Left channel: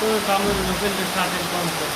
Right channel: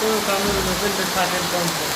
তো কামের মধ্যে থাকে কম করে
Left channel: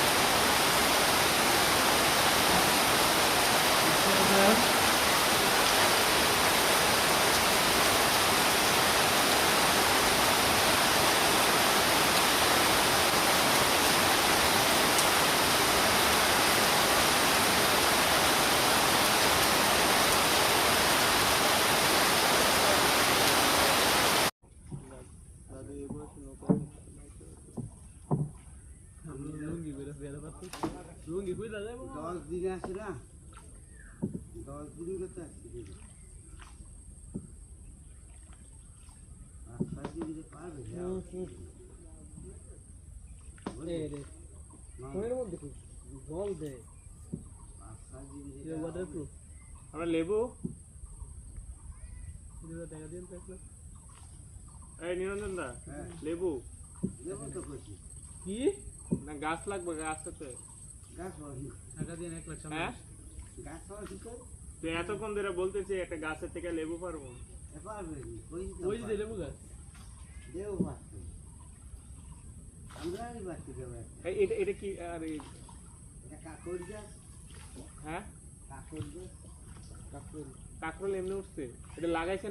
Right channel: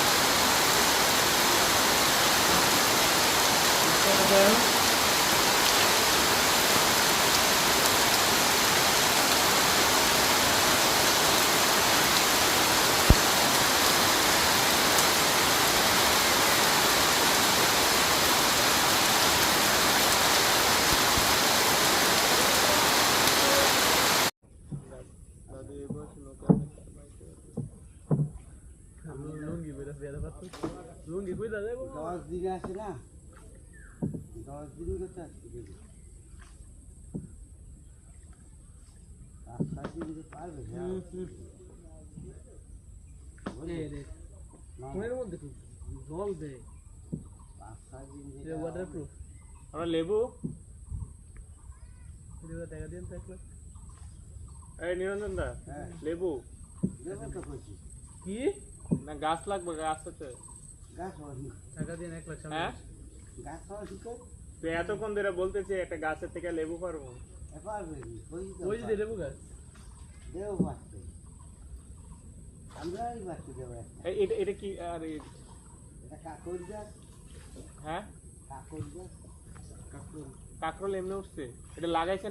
লুঙ্গি কই দাদা 10 দিন আসে না 10 দিন করতে আসছে দেখি 5-7 দিন যে পারবে কোনের মধ্যে জল দে 5-7 দিন যে ওয়াটারপ্রুফ আমরা লেবু টাকা দিন তো একটা এই নিরঞ্জন দা লেবু দেবো তো কইছি কি না গাছ লাগবে গাছ আছে গাছ হয়নি টাকা দিন 1 লাখ হ্যাঁ গাছ হয় কি করে তো এতক্ষণ ধরে বলতেছি একটা গাছের থেকে লেবু পারবো পারবে ওই যে লেবু গাছ দেও বাঁচতে আমরাই বাঁচতে দেবো এটা এটা কি আর এটা কাকড় গাছ হ্যাঁ কাকড় গাছ কাকরোল এমনি উঠছে এটা লাগাইছে